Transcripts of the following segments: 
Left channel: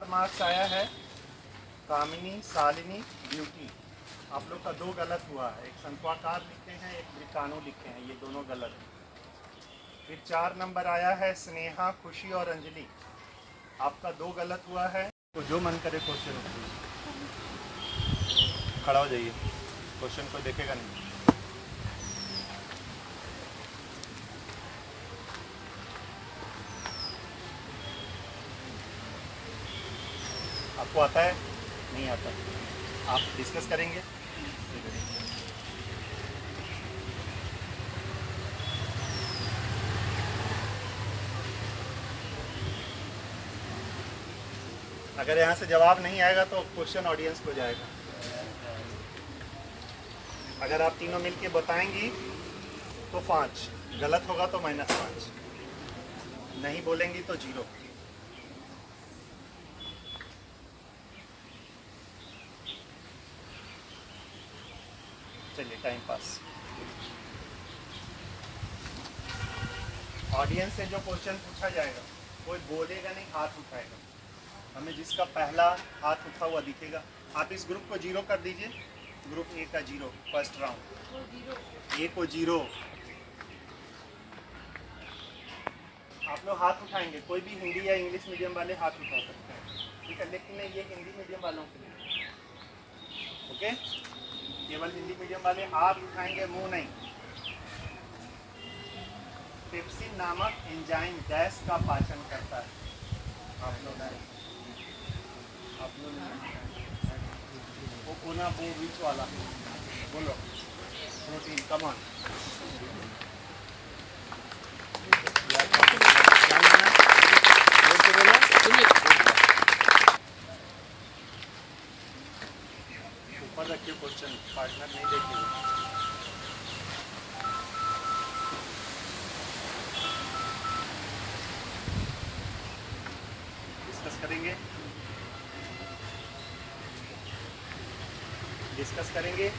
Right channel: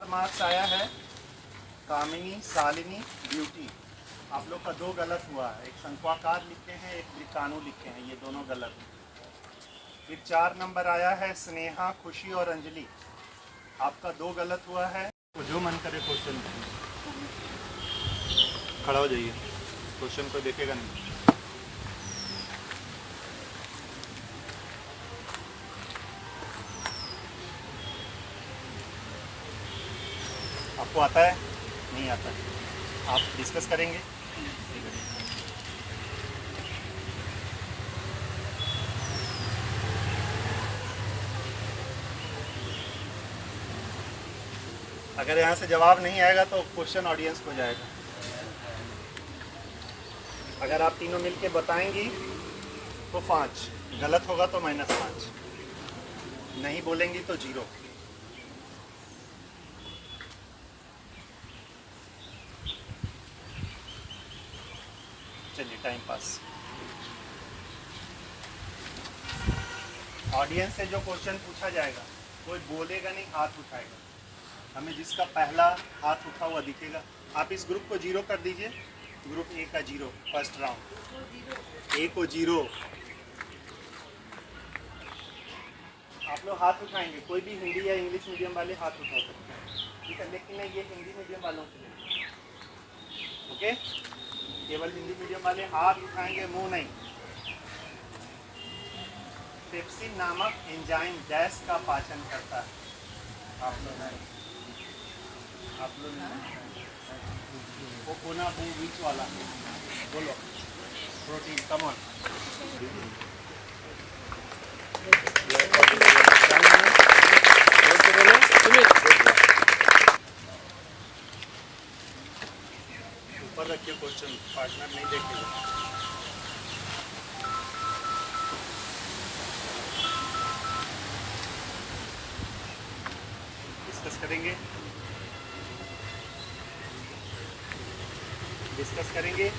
Marks आया है कामिनी, Shalini, beauty. आप लोग का 2 गलत हुआ है। एक शंक्वाकार लिखे हैं, एक वृत्ताणु लिखे हैं, ये दोनों गलत। फिर 4 नंबर आया है स्नेहा, खुशी और अंजलि। आपका 2 गलत हुआ है। तो जो मन करे क्वेश्चन खड़ा हो जाइए, क्वेश्चन को देखेगा नहीं। आपको आता है? नहीं आता है। आप डिस्कस करेंगे। अगर यहाँ से जवाब नहीं आएगा तो क्वेश्चन ऑडियंस को जाएगा। अगर आप तीनों मिलके बताएंगी तो 5, गलत होगा तो -5, नहीं बोलेंगी तो 0। चलिए टाइम पास। ऑडियंस से जो क्वेश्चन पूछा जाएगा कोई बोलेगा नहीं, हाथ उठाएगा। हमें जिसका पहला हाथ उठा हुआ दिखेगा। आप इस ग्रुप को 0 कर दीजिए। ग्रुप ए का 0, फर्स्ट राउंड ए को 0। आप लोग हाथ उठाएंगे, कोई भी हिंदी या इंग्लिश मीडियम वाले हाथ उठा सकते हैं, ठीक है। लेकिन नहीं, ये हिंदी मीडियम वालों के लिए, ओके। केवल हिंदी मीडियम वाले हाथ उठाएंगे, मुंह नहीं। पेप्सिन नामक एंजाइम गैस का पाचन करता है। आप लोग वो कोना बीच वाला बोलो। Protein, come on. ऊपर रखिए क्वेश्चन, पार्टनर नहीं देखेगा। डिस्कस करेंगे, डिस्कस करेंगे।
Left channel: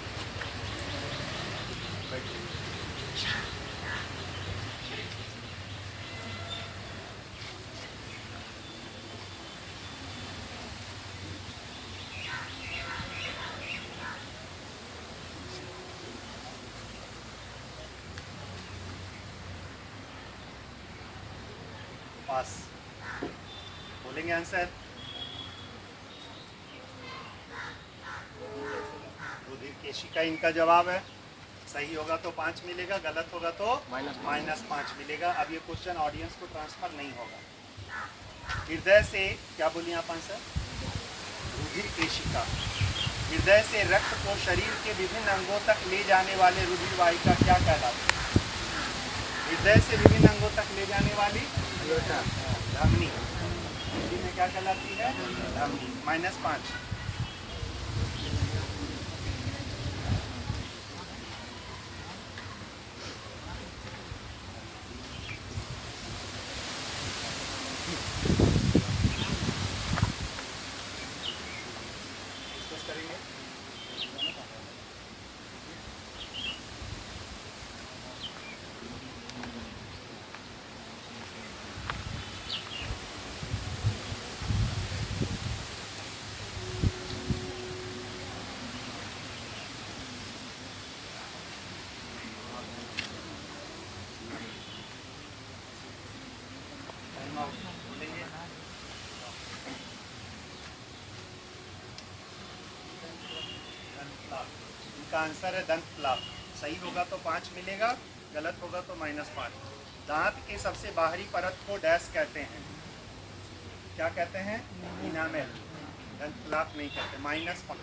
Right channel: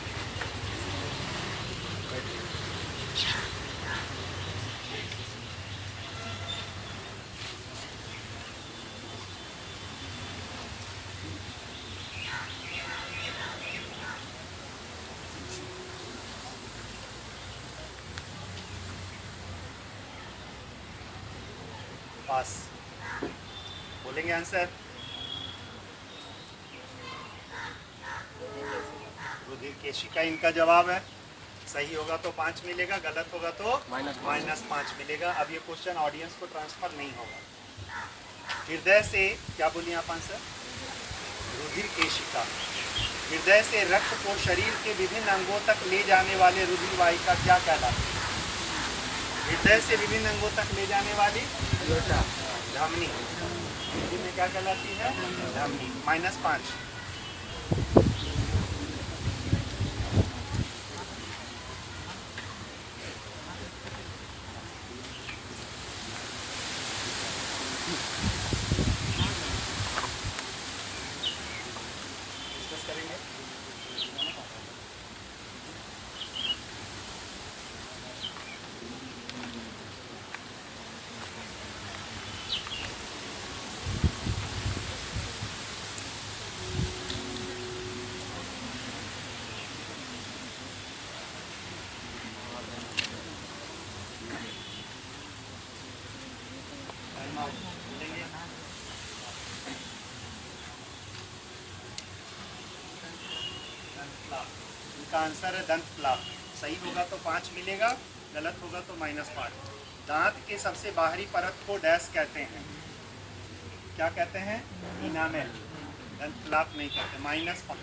पास बोलेंगे आंसर। रुधिर केशिका इनका जवाब है। सही होगा तो 5 मिलेगा, गलत होगा तो -5 मिलेगा। अब ये क्वेश्चन ऑडियंस को ट्रांसफर नहीं होगा। हृदय से, क्या बोलिए आप आंसर? रुधिर केशिका। हृदय से रक्त को शरीर के विभिन्न अंगों तक ले जाने वाले रुधिर वाहिका क्या कहलाती है? हृदय से विभिन्न अंगों तक ले जाने वाली धमनी। हिंदी में क्या कहलाती है? धमनी। -5। डिस्कस करेंगे। बोलेंगे। इनका आंसर है दंत प्लाक। सही होगा तो 5 मिलेगा, गलत होगा तो -5। दांत के सबसे बाहरी परत को डैश कहते हैं? क्या कहते हैं? इनामेल। दंत प्लाक नहीं कहते। -5।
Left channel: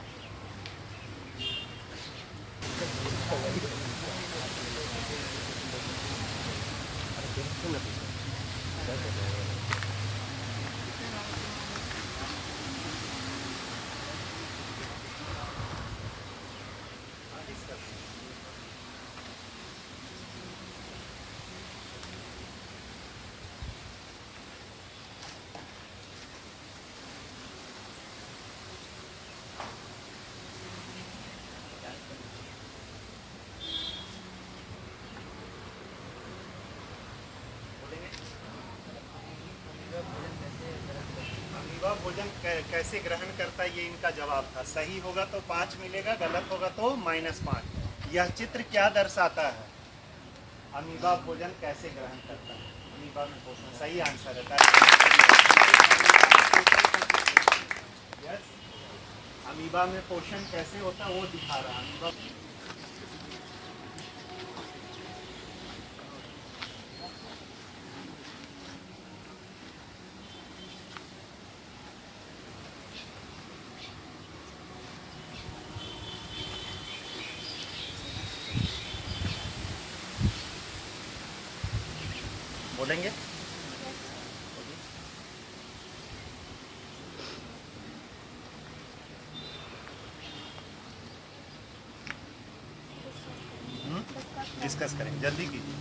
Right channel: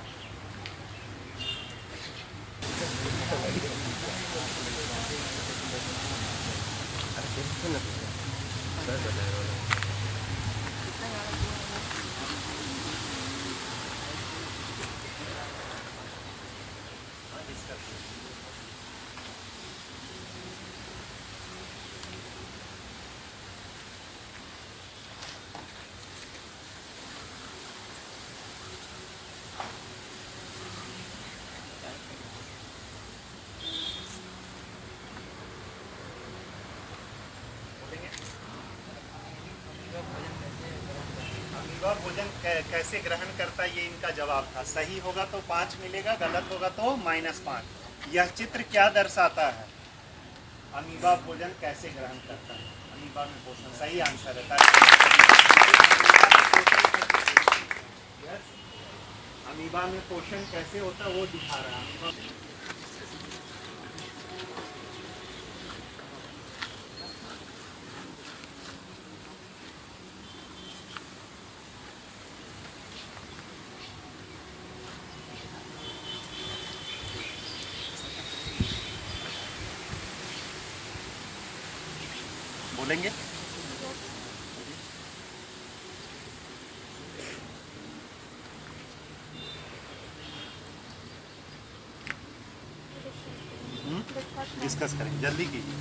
भोजन कैसे ग्रहण करता है, ये इनका जवाब था। सही होगा तो 5 मिलेगा, गलत होगा तो -5। यह चित्र क्या दर्शाता है? अमीबा भोजन कैसे ग्रहण करता है? अमीबा में पोषण, सही आंसर है। यस, अमीबा में पोषण कैसे होता है वो दिखा रहा है। अमीबा बोलेंगे? डिस्कस करें, जल्दी कीजिए।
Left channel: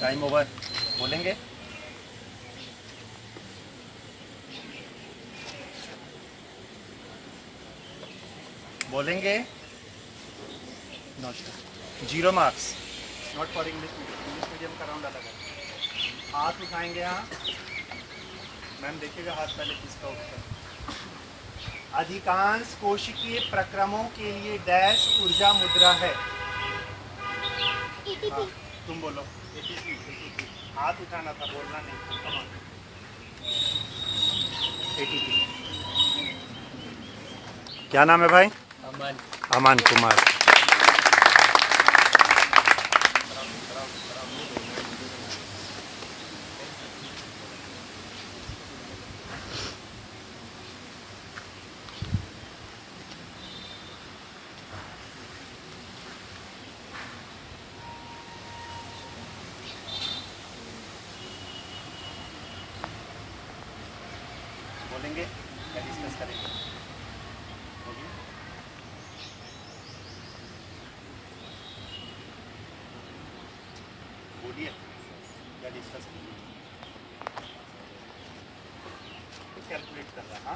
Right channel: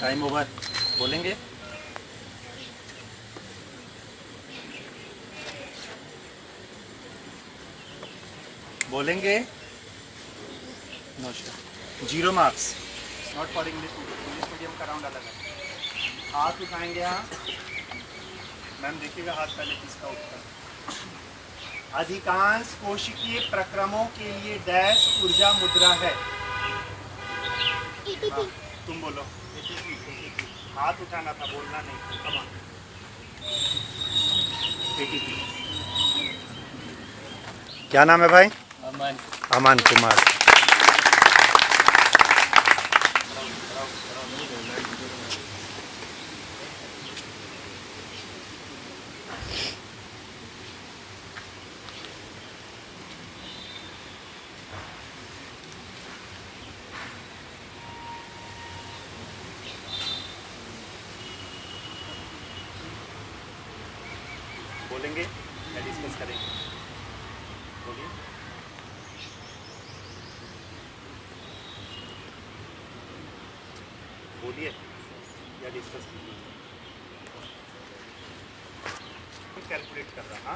Time over. बोलेंगे? बोलेंगे? No star, 0 marks. Not for English medium का राउंड अलग है। हाथ उठाएंगे यहाँ। मैम देखिएगा हाथ पहले किसका उठता है। अधिकांश कोशिकीय प्रक्रमों के लिए डैश ऊर्जा मुद्रा है। हाँ, तुम बोलो। हाथ उठाना था, बोलना नहीं। कमा ATP। क्या नाम है भाई? अमन। अमन कुमार। बोलेंगे या डिस्कस करेंगे? बोलिए। बोलिए या डिस्कस कीजिए। कैलकुलेट कर रहा,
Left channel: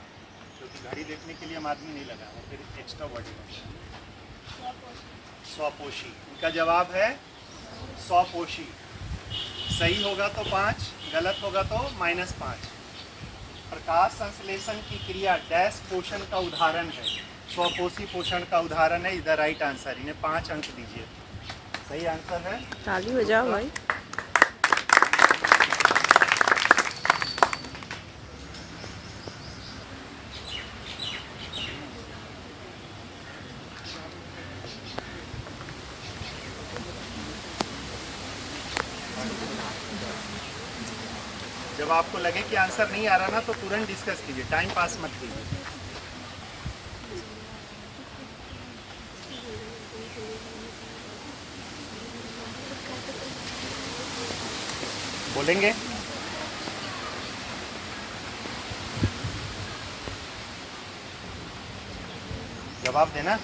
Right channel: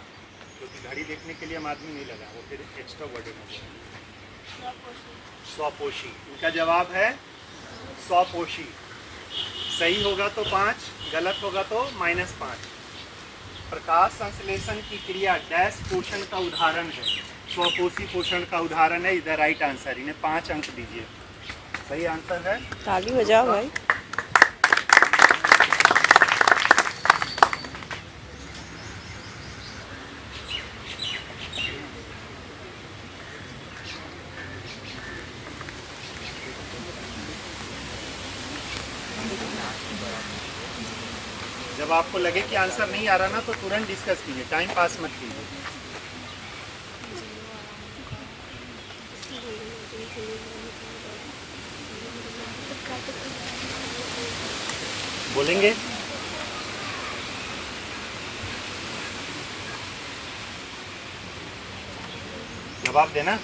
क्योंकि घड़ी देखने के लिए हम आदमी नहीं लगा, वो फिर एक्स्ट्रा वर्डिंग है। स्वपोषी, इनका जवाब है स्वपोषी। सही होगा तो 5, गलत होगा तो -5। प्रकाश संश्लेषण की क्रिया डैश पोषण का उदाहरण है। स्वपोषी पोषण का उदाहरण है। इधर राइट आंसर। इन्हें 5 अंक दीजिए। सही आंसर है। ताली बजाओ भाई। जब आपको लगे कि आंसर नहीं आ रहा ना, तो तुरंत डिस्कस कीजिए, टाइम पास मत कीजिए। बोलेंगे? जवाब देना?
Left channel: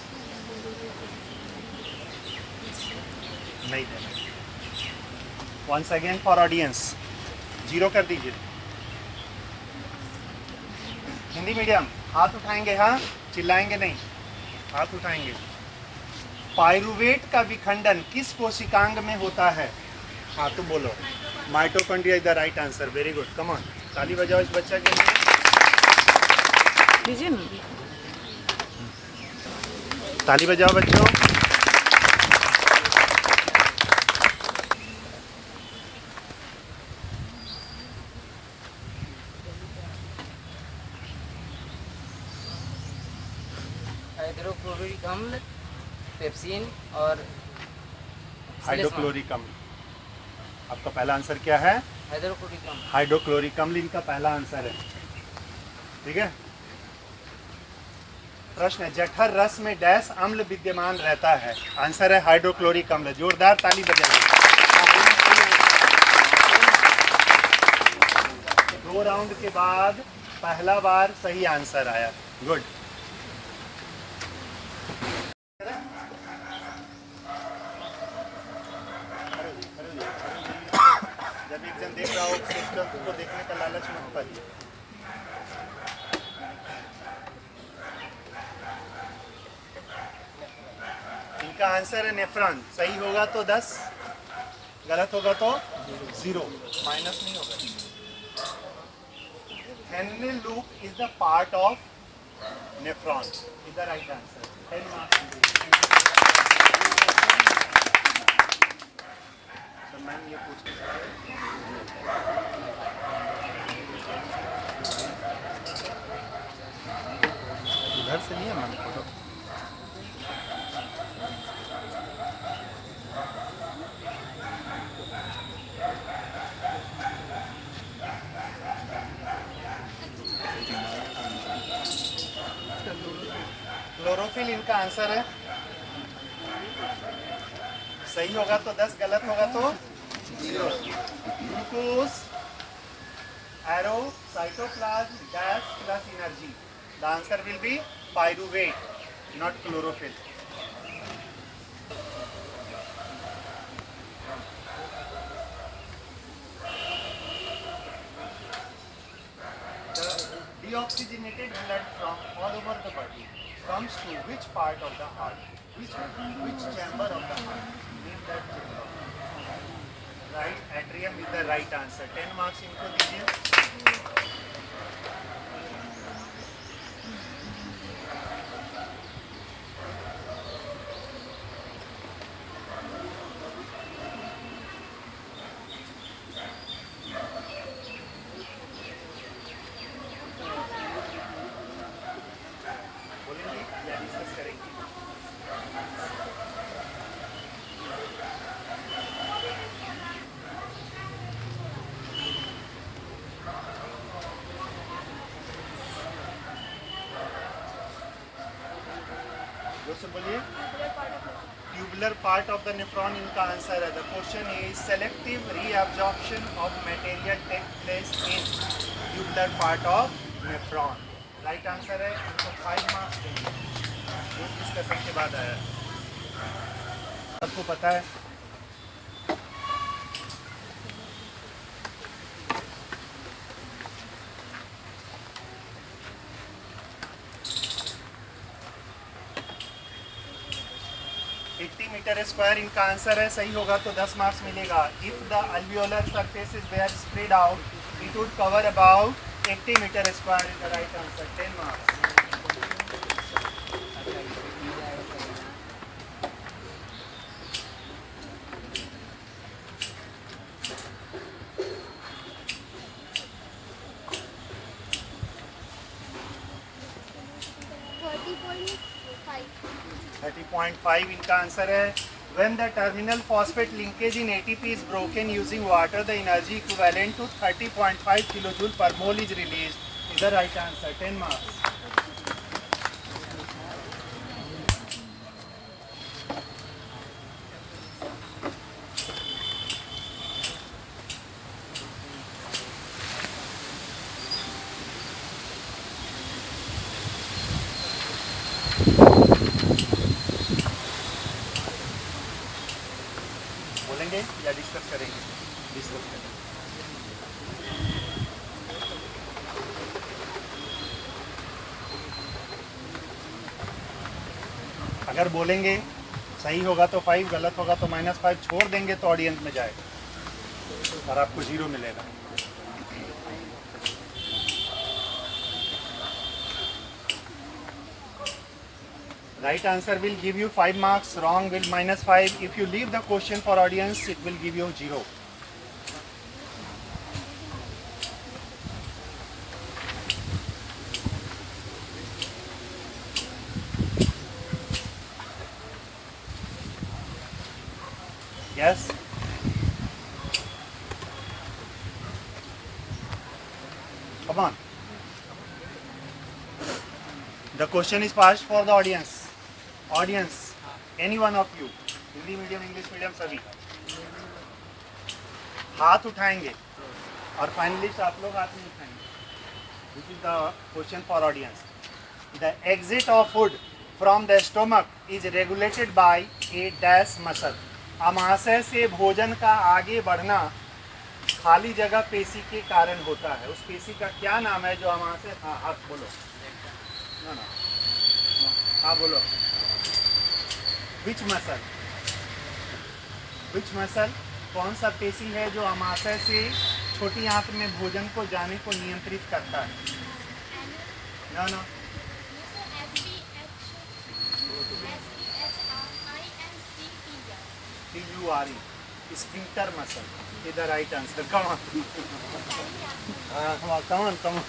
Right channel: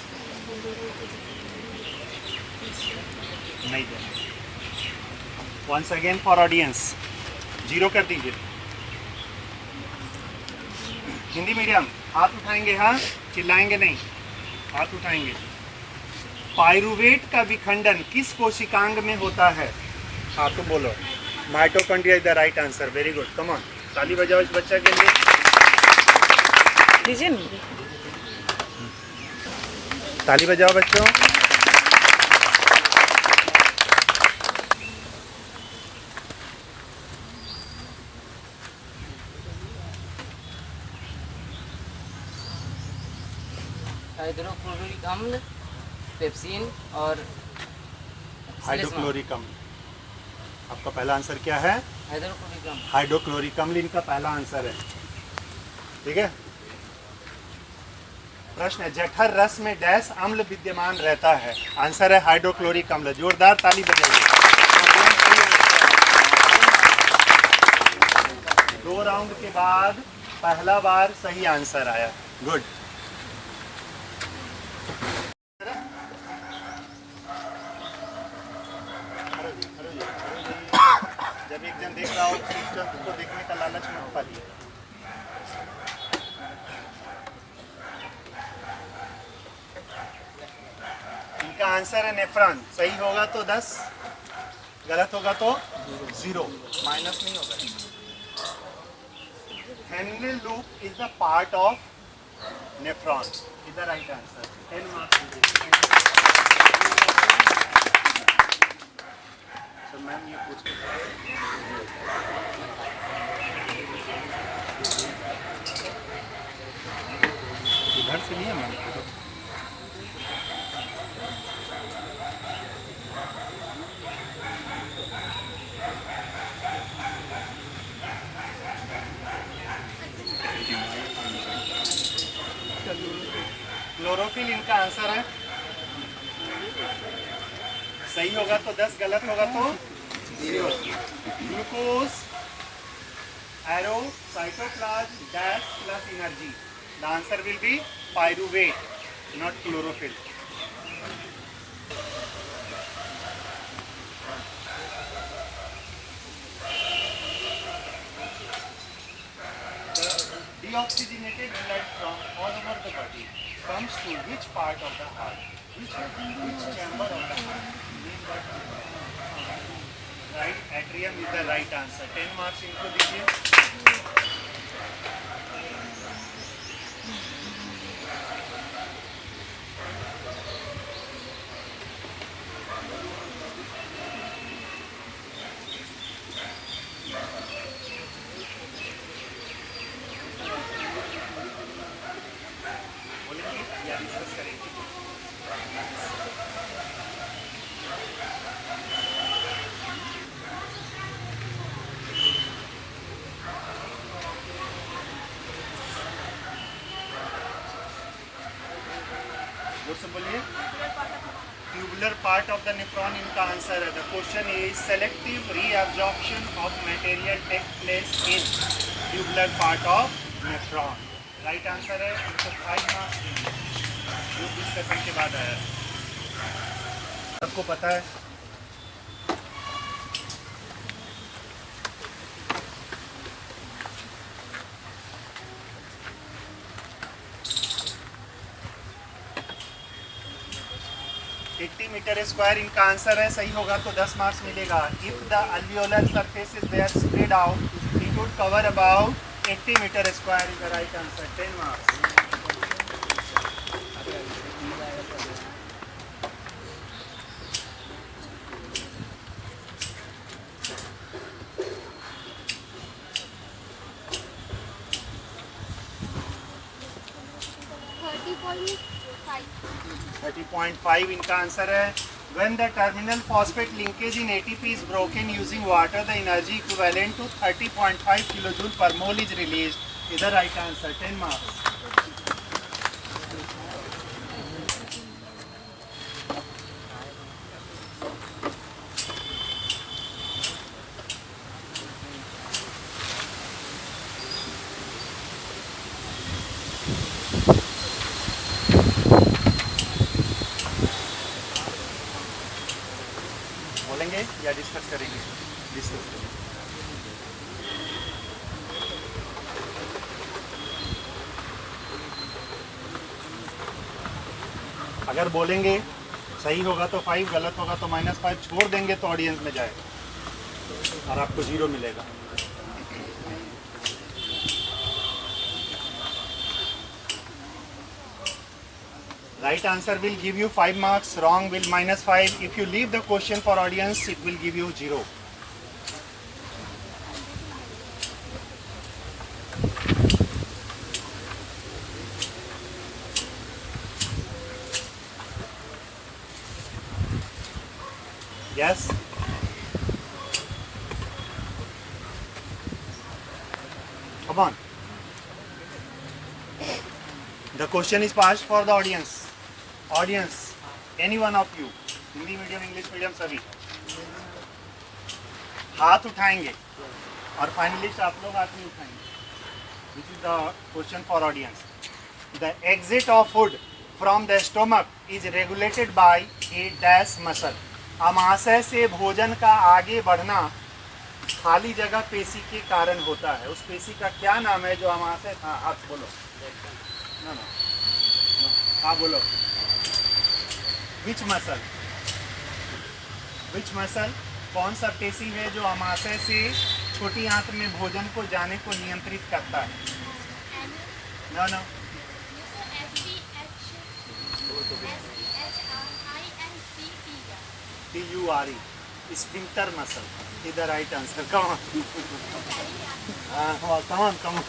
नहीं देना। वंस अगेन फॉर ऑडियंस, 0 कर दीजिए। हिंदी मीडियम, हाथ उठाएंगे? हाँ, चिल्लाएंगे नहीं, हाथ उठाएंगे। पायरुवेट का विखंडन किस कोशिकांग में होता है? हाँ तो बोलो। Mitochondria is the right answer. Very good, come on, ताली बजाओ इस बच्चा के लिए। ताली बजाओ बच्चों। हाइड्रोक्लोरिक अम्ल, पेप्सिन और हाइड्रोक्लोरिक अम्ल। आपका पहला आंसर क्या है? हाइड्रोक्लोरिक अम्ल। हाइड्रोक्लोरिक अम्ल इनका पहला आंसर है। ठीक है। प्रश्न है, जठर रस में डैश अम्ल विद्यमान रहता है? आंसर है हाइड्रोक्लोरिक अम्ल। जोरदार ताली बजाइए। 2 राउंड के बाद पहला बार सही आंसर आया। गुड। जब एक जन देख रहा हो तो देखने का लालच मत पाइए। इनका आंसर है नेफ्रॉन। सही होगा तो 10, गलत होगा तो 0, माइनस नहीं होगा। Henry loop is the part of nephron, is the right answer. 10 marks. तो मैम ये पूछते इधर से नहीं है मैम। क्लोरोफिल इनका आंसर है। सही होगा तो 10, गलत होगा तो 0। Glucose, arrow, cytoplasm, dash plus energy. The answer will be pyruvate, not chlorophyll. Deoxygenated blood from all over the body comes to which part of the heart? Which chamber of the heart? Name that chamber. Right, atrium is the right answer. 10 marks इनको दीजिए। बोलेंगे या discuss करेंगे? जोर से बोलिए। Tubular part of the nephron इनका answer है। The question is selective reabsorption of material take place in tubular part of nephron. Right answer है। इनको 5 मार्क्स देंगे जो डिस्कशन के बाद आया। सबको पता है। मीटर स्क्वायर इनका आंसर है। सही होगा तो 10 मार्क्स मिलेगा। If the alveolar surface is were spread out it would cover about 80 metre square. Is the right answer. 10 marks. Thirty 30.5 इनका आंसर है। When the terminal phosphate linkage in ATP is broken using water, the energy equivalent to 30.5 kilojoule per mole is released. Is the right answer. 10 marks. बोलेंगे या discuss करेंगे? Discuss करेंगे। अगर बोलेंगे सही होगा तो 5, गलत होगा तो -5, छोड़ देंगे तो ऑडियंस में जाएगा और आपको 0 मिलेगा। Right answer will give you 5 marks, wrong will -5. If you leave the question for audience, it will give you 0. Yes? Come on. The question is passed for the audience. Audience, any one of you, Hindi medium, English medium, सभी हाथ उठाएंगे और finalist आप लोग हाथ नहीं उठाएंगे। This is the question for audience. The exit of food from the stomach is regulated by a dash muscle. आमाशय से भोजन का आगे बढ़ना खाली जगह पेशी के कारण होता है। उस पेशी का क्या नाम है जो आमाशय? हाँ, आप बोलो ना। हाँ बोलो। विच मसल कौन सा पेशी है जो अमाशय से छोटी आंत में भोजन को जाने को नियंत्रित करता है? No no, TURE, sphincter muscle is the right answer. Come on, come on, come on.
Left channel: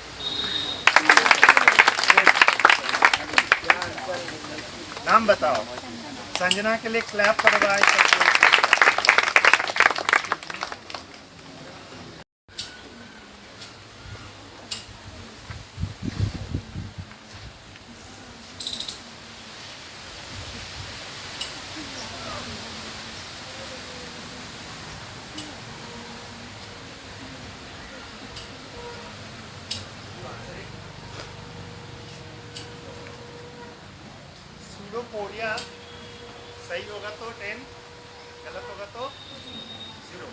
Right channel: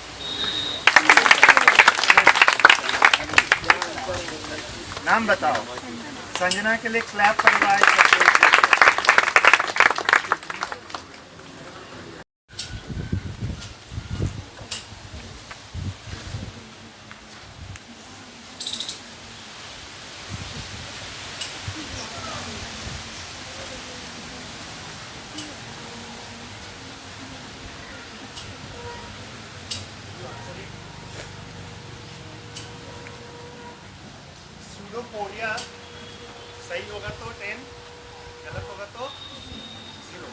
नाम बताओ. संजना के लिए क्लैप करवाए. सूडोपोडिया सही होगा तो 10, गलत होगा तो 0.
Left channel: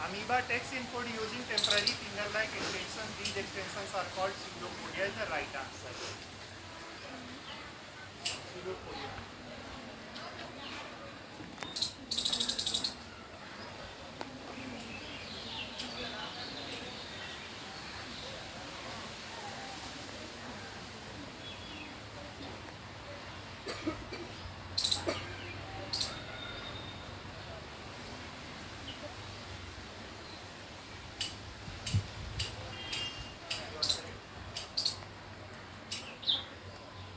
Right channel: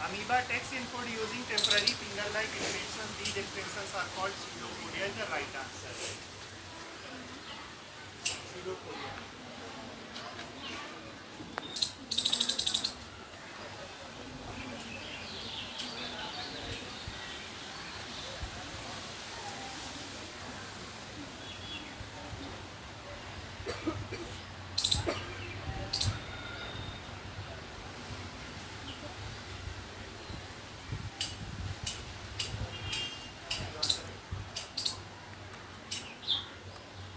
Amoeba takes in food using temporary finger-like extensions. These extensions are called pseudopodia. Is the right answer. Pseudopodia.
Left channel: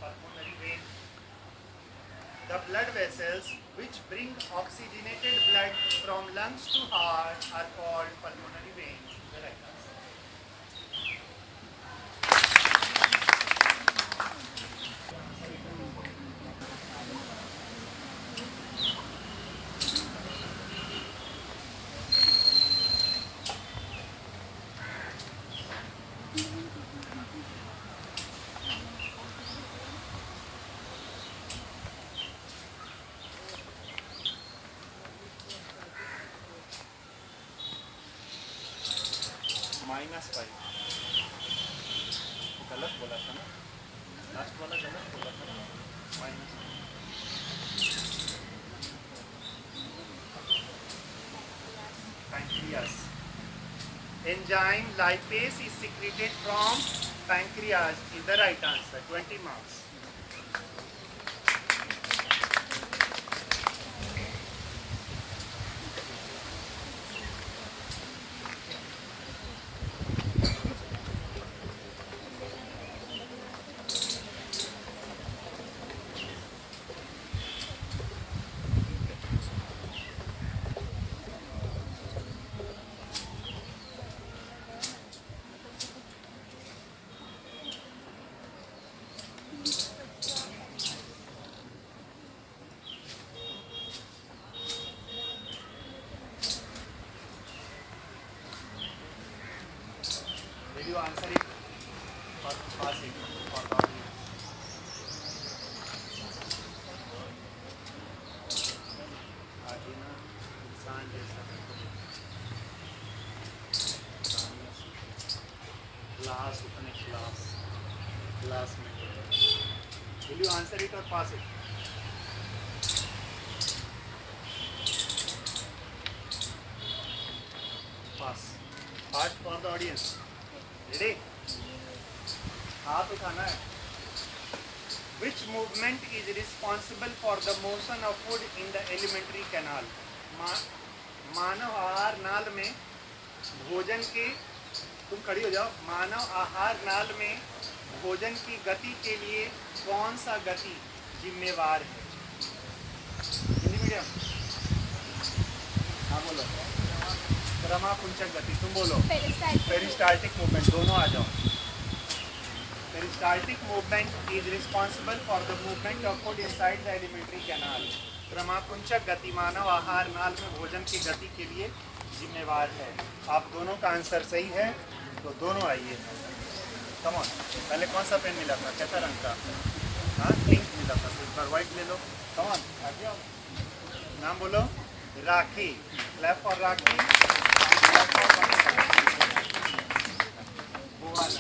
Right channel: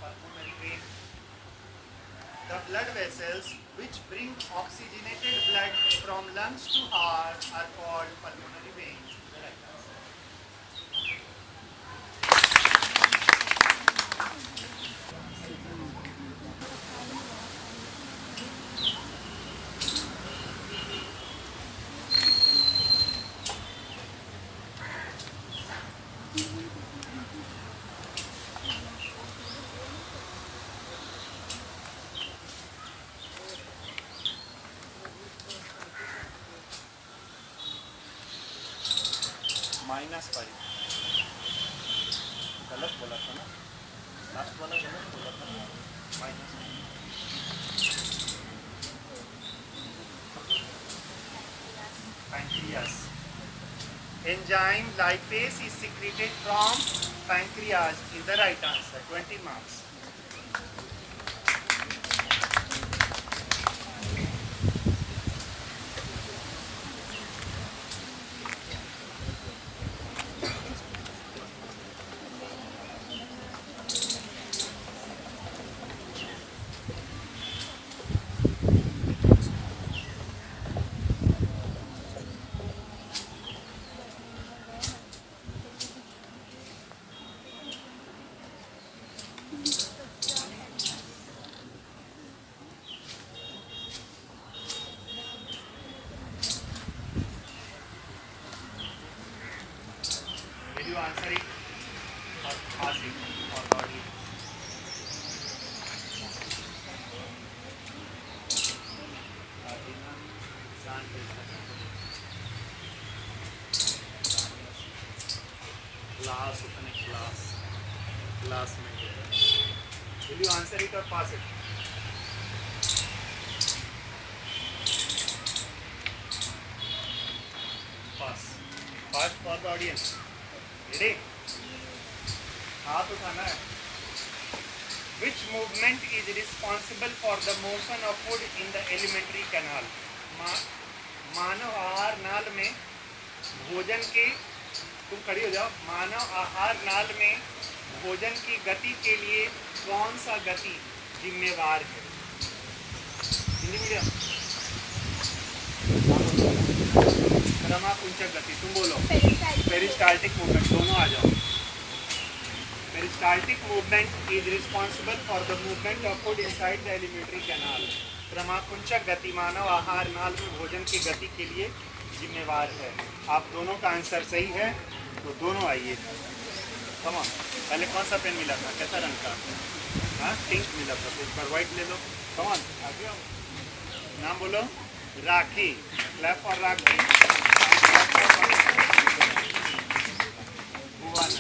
Pulmonary vein. The blood vessels which bring oxygenated blood from lungs to heart are called pulmonary veins. The right answer. -5. गलत बोला था ना, last वाला गलत बोला था ना. Minus pancreas. Enzyme lipase is secreted from pancreas is the right answer. 20 marks. Will you answer it or pass it for the audience? Class में. Will you answer it or pass it? Pass. Pass for the audience. Ready? हाथ उठाना है. Which movement is responsible for the motion of food in the alimentary canal? मानव आहार नाल में भोजन के, तुम खड़ी हो जाओ. मानव आहार नाल में भोजन की गति के लिए कौन सा गति जिम्मेवार है? हिंदी मीडियम. क्रमाकुंचक गति. तुम बोलो. Peristaltic movement. दोनों आ जाओ. Peristaltic movement is responsible for the movement of food inside the alimentary canal. क्रमाकुंचक गति मानव आहार नाल में भोजन की गति के लिए जिम्मेवार है. आप दोनों का आंसर सही है, तो दोनों आइए. Come on. पहले कौन सा पेन मिला था? कैसा रंग का? हाँ, पिंक मिला था. तो इस बार व्हाइट ले लो. कम ऑन, आगे आओ. नाम बोलो. Rakhi. Clap for Rakhi. Bhuvan.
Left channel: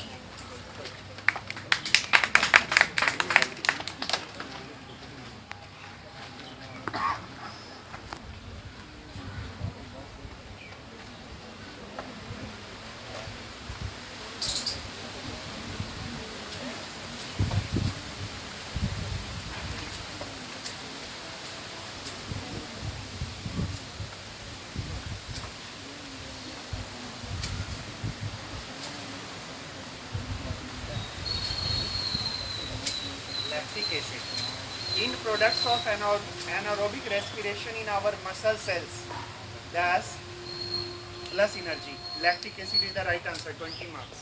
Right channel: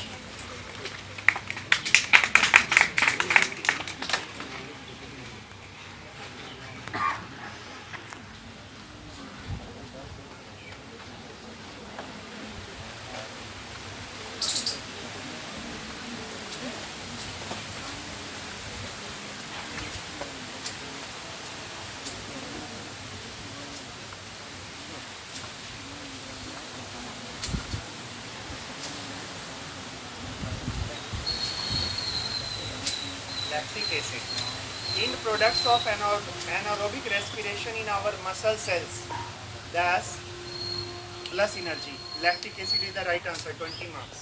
lactic acid. End products of anaerobic respiration in our muscle cells. Thus, plus energy. Lactic acid is the right answer. 20 marks.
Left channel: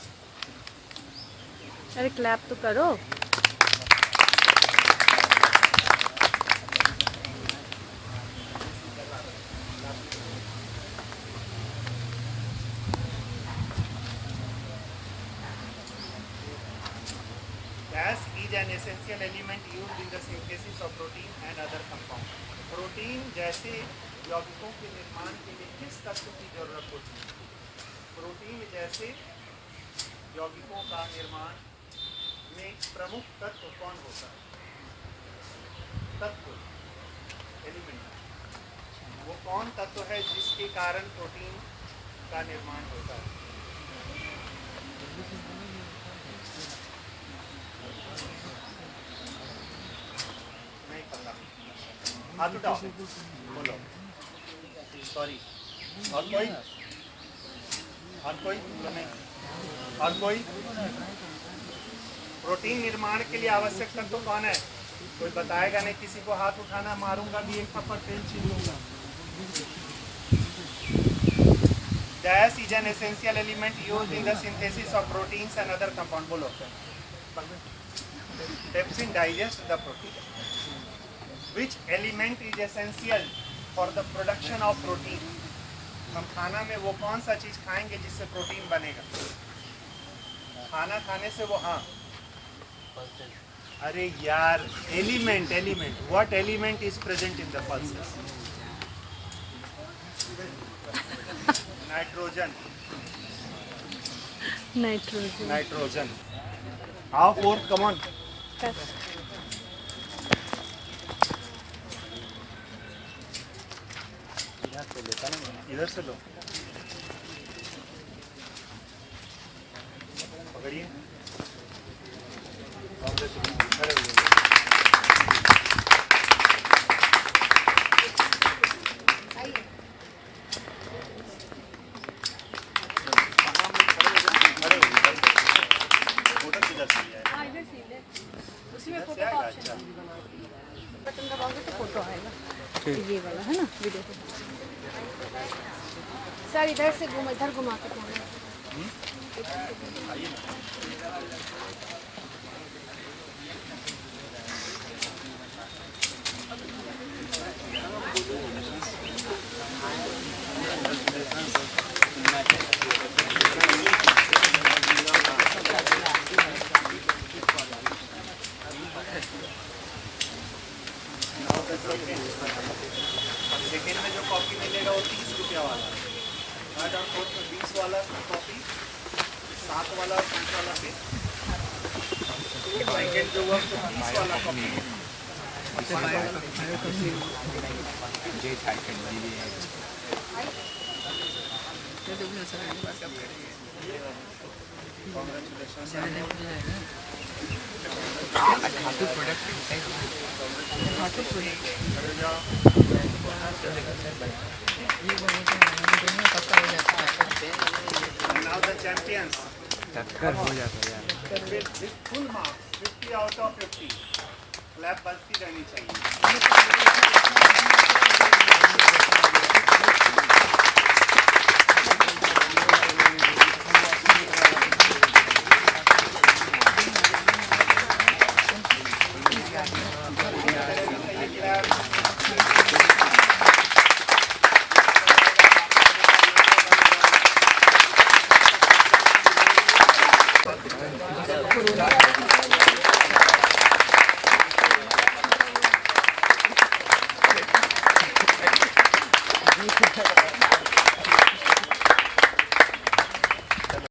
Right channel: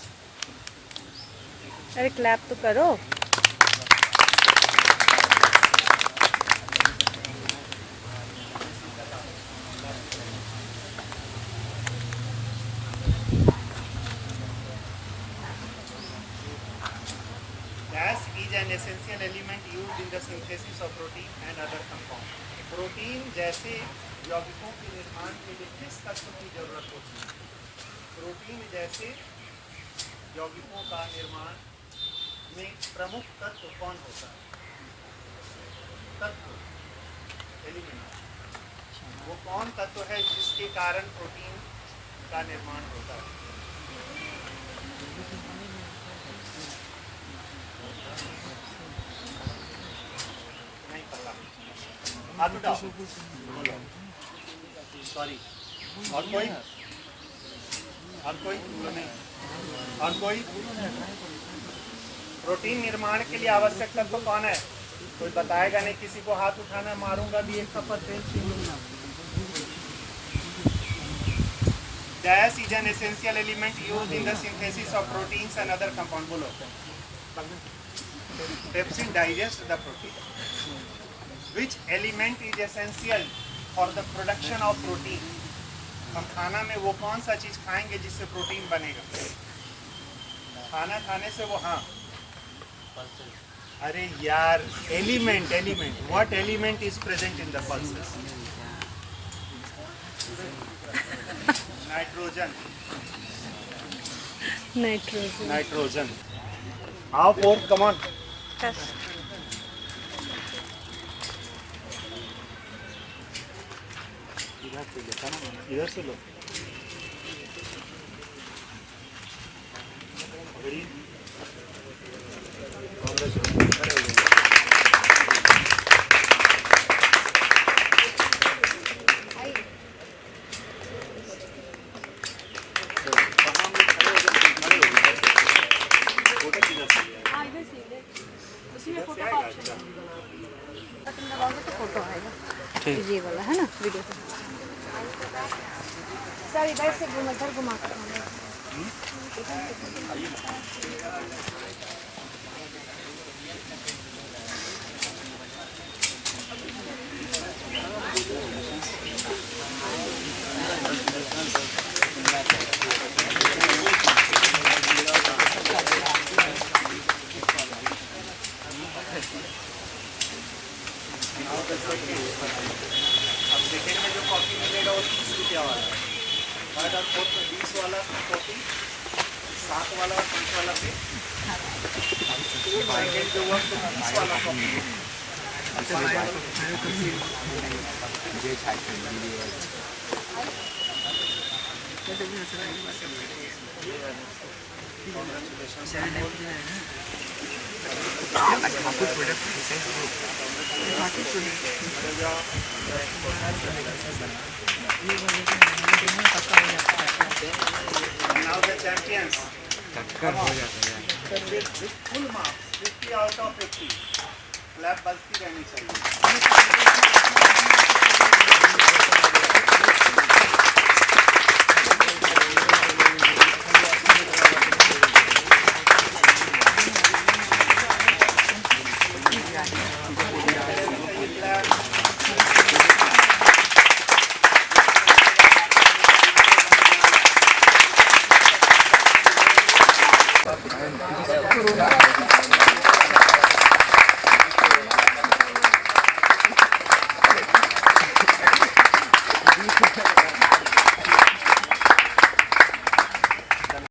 अरे क्लैप तो करो. Gas is an essential element used in the synthesis of protein and other compounds. Protein जैसे यौगिकों के निर्माण के लिए किस तत्व की जरूरत होती है? प्रोटीन जैसे यौगिकों का निर्माण में प्रमुख तत्व कौन होता है? तत्व एलिमेंट, वो कौन तत्व है जिसके कारण प्रोटीन का निर्माण होता है? नहीं पता, हाथ उठाओ, बोलो. सॉरी. और कोई? और कोई? नहीं. और कोई? प्रोटीन निर्माण के लिए आवश्यक तत्व कौन है? कोई बताएगा नहीं. किसी को हाथ उठाना, मारूंगा भी एक थप्पड़, तेल छीन लूंगा. Gas is an essential element used in the synthesis of proteins and other compounds. बोलो. Pepsin digests the protein. Which element is essential for the production of protein? हम खाना में वो कौन सा चीज खाएंगे जिससे प्रोटीन बनेगा? खाना खाने से वो, हाँ, अरे यार, element. What element is present in the pulses? Nitrogen. Nitrogen. आओ फोर्थ, कम ऑन. इधर से लो. पकड़िए. ये वाला है ना वीडियो. सर इधर से घुमा, इधर घुमा कर. अब सेकेंड में जो कॉफी मिलेगा वो 30 रुपया वाला है. थर्ड और फोर्थ में 20 वाला कॉफी, 7 वाला और 5 वाला पे. सेकेंड जो हुआ तो 30 वाला coffee. Now the champions. With full marks, 50 out of 50. Clap बजती रहनी चाहिए. कोरोना